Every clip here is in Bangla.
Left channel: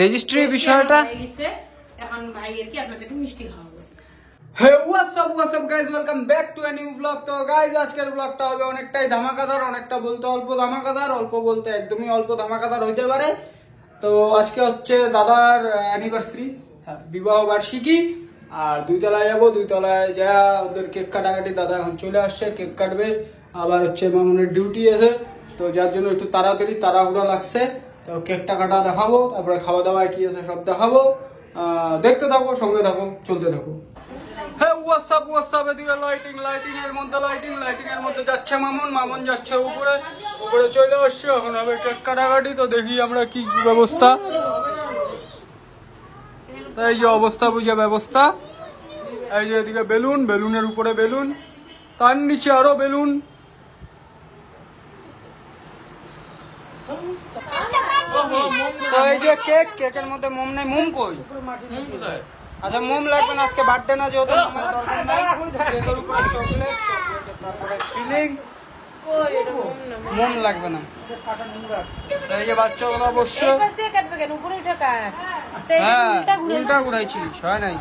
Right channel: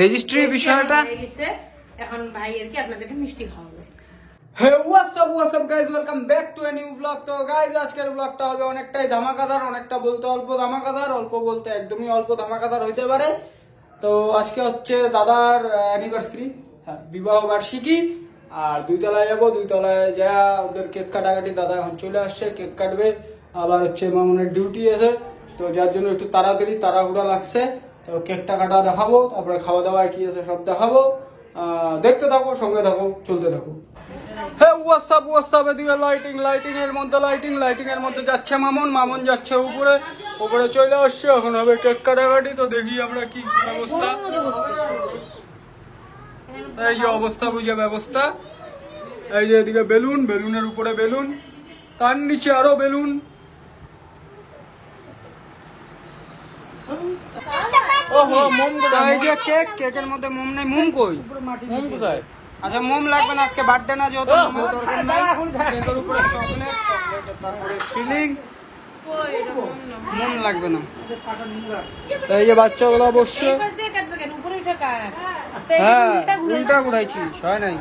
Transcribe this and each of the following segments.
রেজিস্ট্রি বিষয়টা এখন ভাইয়ের কি আপনাদেরকে মিষ্টি খাওয়াবো। Hey WhatsApp guys, welcome back to a new blog. তো গাইজ আজকের ব্লগটা হবে অনেকটাই ধামাকাদার, অনেকটা বলতে অল্প ধামাকাদার, অল্প বলতে একদমই অল্প ধামাকাদার হইতে পারে। তো আজকে হচ্ছে দাদার অ্যানিভার্সারি, বিবাহ বার্ষিকী। আর 2 তলায় যাবো, 2 তলায় যা ওদের কেক কাটাকাটি, দাদা এখন চলে আসছে, কেক কাটবে। আবার হচ্ছে মামুনের ডিউটি আছে, তো যার জন্য একটু তাড়াহুড়া লাগছে। তো কেকটা কাটা দেখাবো, তারপরে খাওয়া দাওয়ায় কি আছে সব দেখাবো। দেখতে থাকো, সঙ্গে থাকো, চলতে থাকো। হ্যাঁ হোয়াটসঅ্যাপ এদিকে লাইটিং এর মধ্যে যাচ্ছে মামুন যাচ্ছে উপরে চলে আসছে। এখন হবে কেক কাটাকাটি। তো দেখি আমরা কি ব্যবস্থা। এই যে অবস্থা বুঝে ব্যবস্থা, এই যে এদিকে বেলুনের উপরে বেলুন, তার নিচে আরো বেলুন। তো এই যে কেকের মধ্যে মোম নেই। মোম কই? মোম কোথায়? আচ্ছা মোম লাগবে না, আজকে বার্থডে না, যেহেতু মোমের দরকার নাই। কেকের উপরে চকলেট, তারপরে ফিলিং, মোম লাগবে না। এই যে বাচ্চাগুলো বসছে। হ্যাঁ উল্টা ঘুরাইছি, হয় নাই।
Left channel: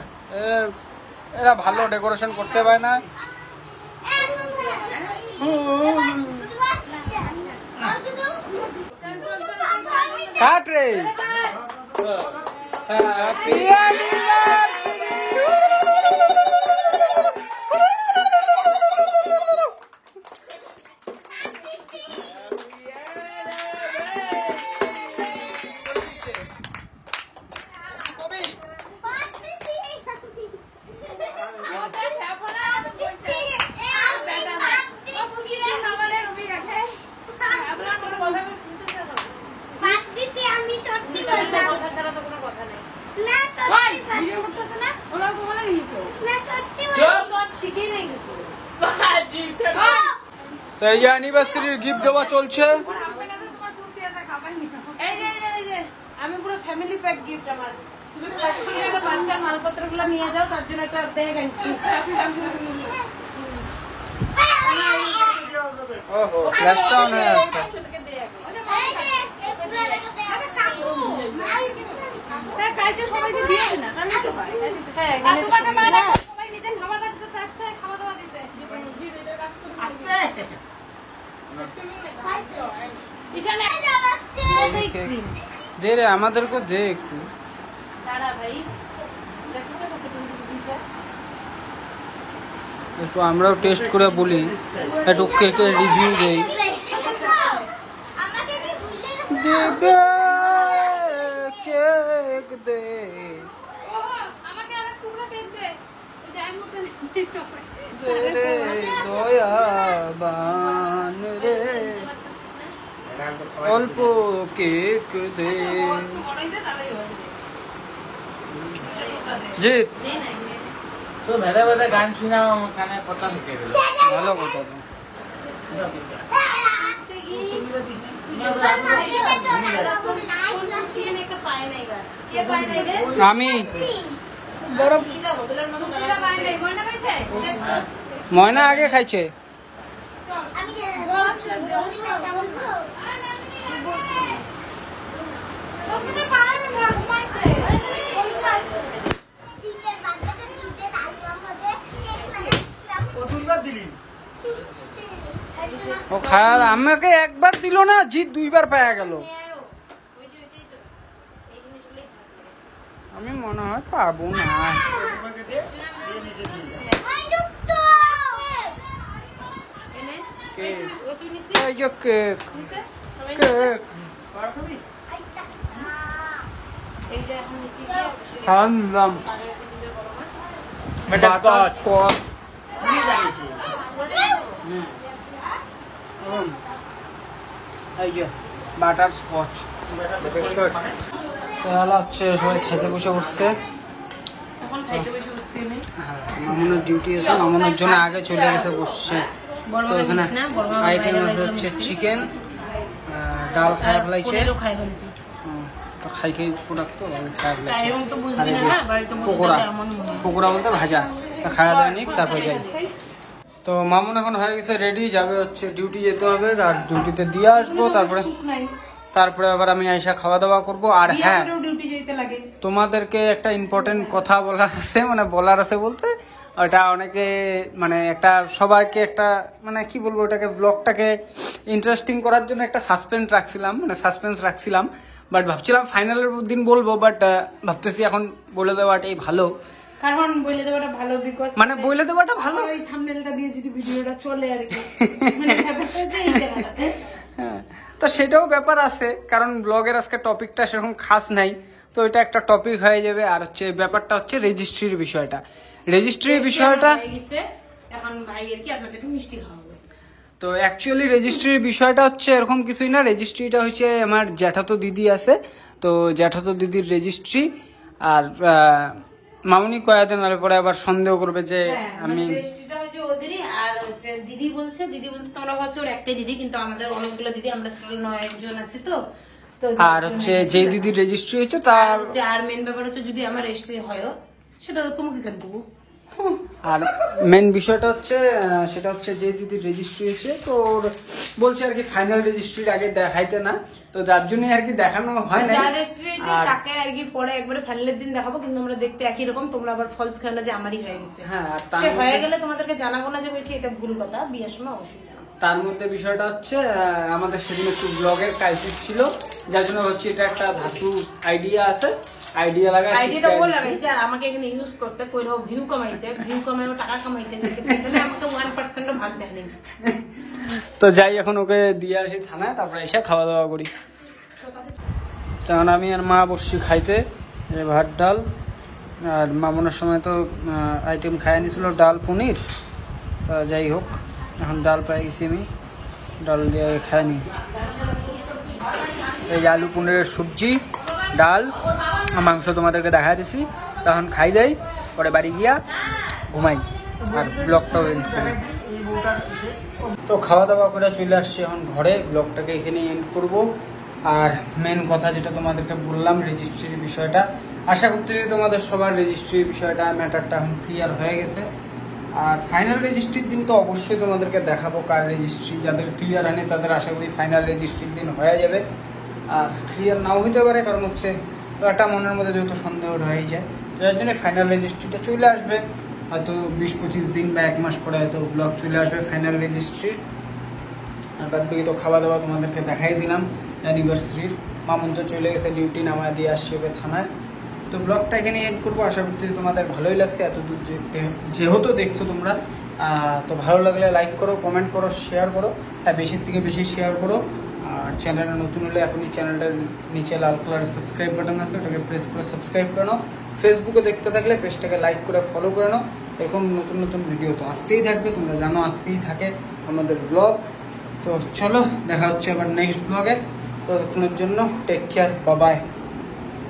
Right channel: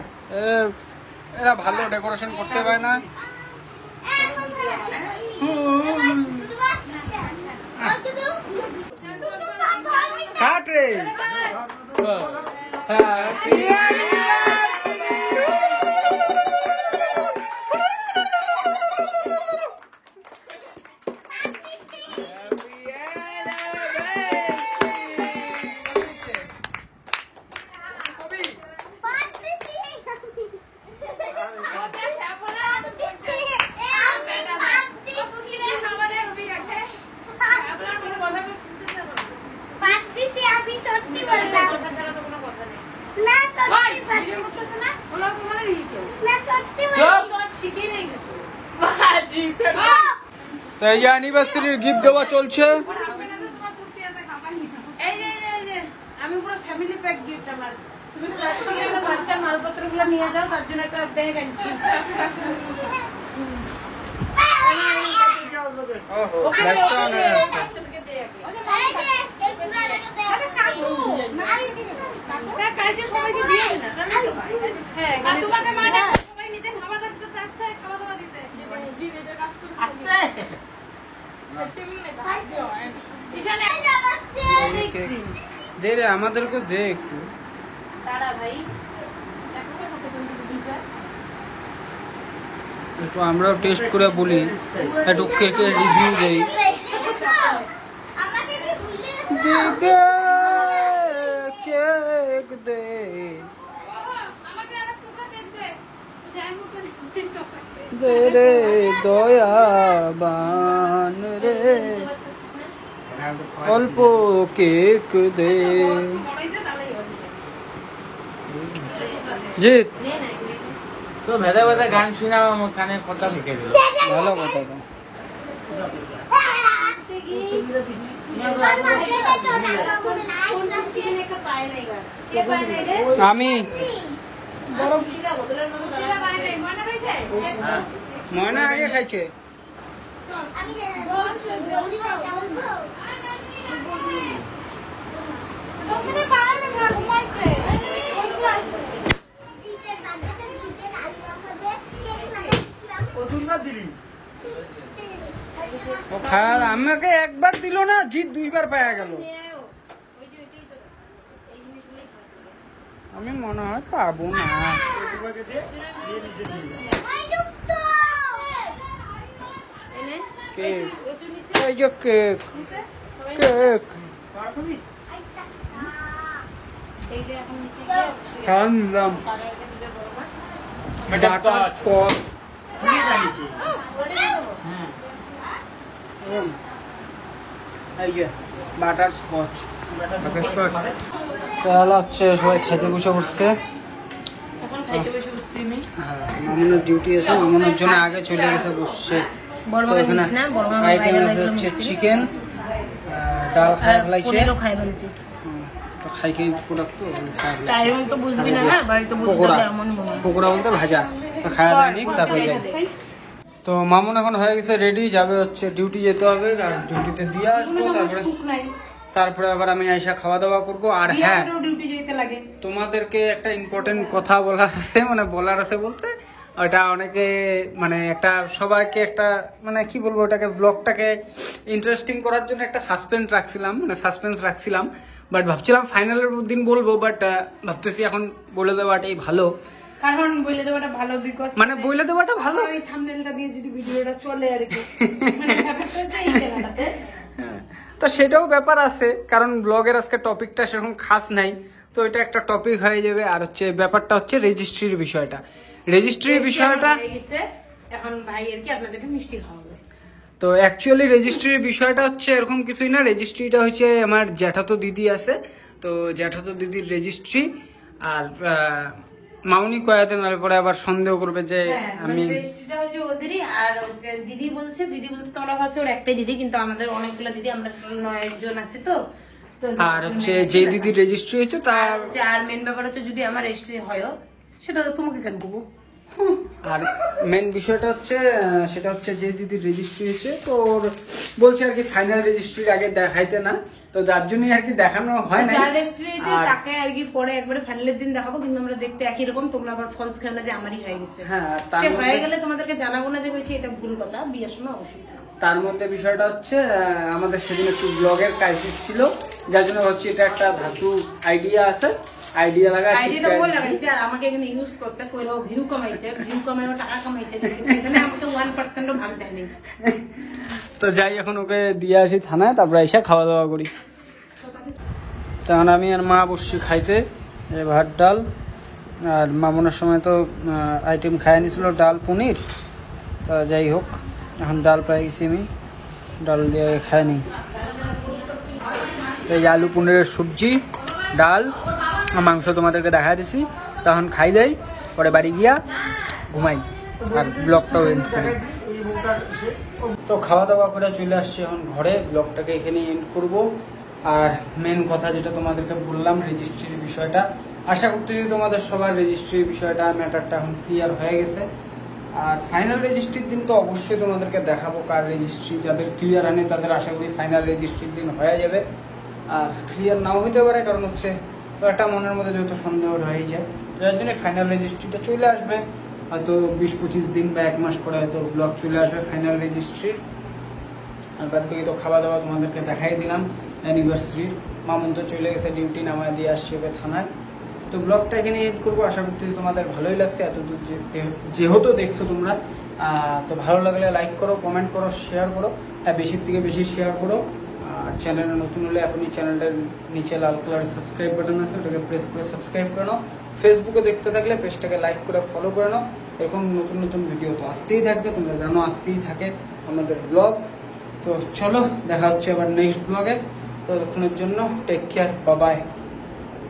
এরা ভালো ডেকোরেশন করতে পারে না। কাট রে। Happy anniversary. তো এই অ্যানিভার্সারির গিফট দেওয়া চলছে। আমি পুরো ফ্যামিলি প্যাক গিফট আমার। তুমি বাচ্চা মালপত্রগুলো নিয়ে যাও, তার জন্য একটা ব্যাগ আনছি। ওহো ফ্ল্যাশটা অন হয়ে আছে। দে রে, আমাদেরকে দে একটু। একটু আমরাও টেস্ট করে বলি, একটু কেকের রিভিউ দেই। কেক দে দে রে দয়াবান রে, অল্প কেক দে। জিৎ তো ভেদে ভেদে গান শুনে আমার কানে কথা ঢুকে গেল। ভালো কথা তো। আমি ময়না আগে খাইছে। ও খায়া আমাকে একবার দিল না, জিত 2 বার পাওয়া গেল। আমি মনে হয় পাবো না। কেক, এই যে কেক খাওয়া নিলাম। বাটার স্কচ, এই যে বাটার স্কচ। তাহলে হচ্ছে সবাই খাইতে বসে পড়ছে। মামুনের ডিউটি আছে, মামুনের জন্য আগে চলে গেছে বসছে। তো এখানে আইটেম হচ্ছে চিকেন, ডাল খাই ফেলাইছে। তো খাই প্রোডাক্ট তো পকোড়া বলতে ভাজা। তো খাওয়া দাওয়া নিক, তারপরে যাই। তো মামুন এখন হয়ে গেছে রেডি, যাবে হচ্ছে ডিউটি যেতে হবে, আর ডিউটিতে দিয়ে আসবো। তারপরে তারপরে আবার আমি আইসা খাওয়া দাওয়া করব। আর হ্যাঁ, ডিউটি যেতে লাগে। তোমাদেরকে একটা ইম্পর্টেন্ট কথা বলার আছে, মানে বলার আছে বলতে ওটা অনেকে মানে একটা সবাইকে একটা মানে কি বলবো, ওটাকে ব্লগটাকে ইন্টারেস্টিং করার জন্য একটা সাসপেন্স রাখছিলাম, বাট ভাবছিলাম ফাইনালের দিন বলবো, বাট ভাবতেছি এখন বলে দেওয়াটাই ভালো। কারণ বলে দেওয়াটা ভালো, বিকজ মানে বলে দেওয়াটা ভালো, এই থাম্বনেলটা দিয়ে যদি ভিডিওটা চলে আর কি, মানে ব্যাপারটা এই জায়গাটাতে। হ্যাঁ, তো সেটাও ব্যাপার আছে, কারণ ব্লগের আজকে টপিকটা সেরকম খাস নাই, তো এটা একটা টপিক হয়ে যাবে। আর হচ্ছে ব্যাপারটা হচ্ছে রেজিস্ট্রির বিষয়টা। এখন ভাই আর কি আপনাদেরকে মিষ্টি খাওয়াবো। তো অ্যাকচুয়ালি রেজিস্ট্রির বিষয়টা হচ্ছে এরকম কিছুই না। রেজিস্ট্রিটা হচ্ছে আমার জ্যাঠাতো দিদি আছে, তো জ্যাঠাতো দিদির রেজিস্ট্রি। আর মামুনি কয়াতে নালে পরে আবার সন্দেহ করবে যে আমি রেজিস্ট্রিটা হচ্ছে ওদেরই। আর হচ্ছে দিদি বলছে তোমরা ভাবছো ওর একটাই দিদি, কিন্তু আমাদের অনেকগুলো দিদি, আমরা 9 জন আছি। তো আর হচ্ছে যে দিদির রেজিস্ট্রি হয়েছে তার আর মেন ব্যাপার হচ্ছে যদি আমার রেজিস্ট্রি হয় সেটা তো তোমাকে কেন করবো। আর মেন বিষয়টা হচ্ছে সেটা হচ্ছে যে দিদির রেজিস্ট্রি হয়েছে, তো ওর বলছে আর কি ফাইনাল রেজিস্ট্রির আগে দেখাইতে না, তো যার জন্যই আর কি দেখানো হয় না। যার রেজিস্ট্রি হয়েছে তাকে আর কি পরে একবারে ফাইনালের দিন দেখাবো, কিন্তু আমরা দেখতে একই রকম। তোমরা আবার ফলস খেলো যে আমারই হয়ে গেছে। হ্যাঁ, সে হয়ে গেলে তোমাদেরকে জানাবো না যে বলছি এটা ভুল কথা, বিয়ের সময় অবশ্যই জানাবো। তার মধ্যে বিষয়টা হচ্ছে আমাদের সেদিন একটু ব্লগের ক্রাইসিস ছিল, যার জন্য হচ্ছে এটা একটা ধাতু আইডিয়া আছে, আইডিয়া লাগাই আর আমাকে এখানে ইউজ করতে কইরাও ভিউ কামাইছে, ভিউ কামাইও টাকা কামাইছে, এখানে আমাকে 1% ভাগ দেয়নি। তো যাই, এখন ওকে দিয়ে আসি থানায়, তারপরে এসে খাওয়া দাওয়া করি। তখন আমি আর মা বসছি খাইতে, ভাত ডাল। আর মামনের সময় তো আইটেম খাই নিয়েছিল ডাল পনির, তা যাই হোক এখন ডাল পাই গেছি, আমি ডাল দিয়ে খাই নি। এই আলু পনিরের সবজি, ডাল, মাংস তোমাদেরকে দেখা দিছি। তখন খাই দেয়, পরে বাড়ি গিয়া ঘুমাই আর ব্লগটাও এন্ড করি। তো খাওয়া দাওয়া করে চলে আসছি এখন ঘরে, ব্লগটাকে এখানে এন্ড করব। আর মেন কথা যেটা তোমাদেরকে বললাম রেজিস্ট্রির বিষয়টা, আশা করতেছি তোমাদের সবার রেজিস্ট্রির বিষয়টা ম্যাটারটা এখন ক্লিয়ার হয়ে গেছে। আর ফাইনাল রেজিস্ট্রির দিন তো অবশ্যই তোমাদেরকে দেখাবো কার রেজিস্ট্রি। যাদের ক্লিয়ার হয়নি তাদের আশা করি ফাইনাল রেজিস্ট্রির দিন হয়ে যাবে। আর ক্লিয়ার নাও হইতে পারে, কারণ হচ্ছে একটা মনের মধ্যে যেহেতু সন্দেহ হয়ে যায়, যার জন্য ফাইনাল রেজিস্ট্রিটা চলে আসবে হয়তো 20-25 দিন বা 1 মাস পরে হয়তো ব্লগ চলে আসবে ফাইনাল রেজিস্ট্রির। আর বাদ বাকি তো খাওয়া দাওয়া তোমাদেরকে দেখাই দিলাম অ্যানিভার্সারির। মামুন তো চলে গেছে ডিউটি, নামায় দিয়ে আসছে ওকে থানায়। তো ব্লগটা এখানে এড করবো, আশা করতেছি তোমাদের ভালোই লাগছে এতদূর যেহেতু দেখছো তোমরা। তো ভালো লাগলে লাইক করো, কমেন্ট করো, শেয়ার করো, হ্যাঁ বেশির থেকে বেশি শেয়ার করো। আর চ্যানেলে নতুন হলে এখনই চ্যানেলটার নিচে লাল কালার সাবস্ক্রাইব বাটন আছে, ওটাকে প্রেস করে সাবস্ক্রাইব করে নাও। ফেসবুকে দেখতে থাকলে পেজটাকে লাইক করে ফলো করে নাও। এরকম নতুন নতুন ভিডিও তো আসতেই থাকবে, তোমরা জানো আসতেই থাকে আমাদের ব্লগ। তো চলো দেখা হচ্ছে আবার নেক্সট ব্লগে, ততক্ষণের জন্য টেক কেয়ার, বাই বাই।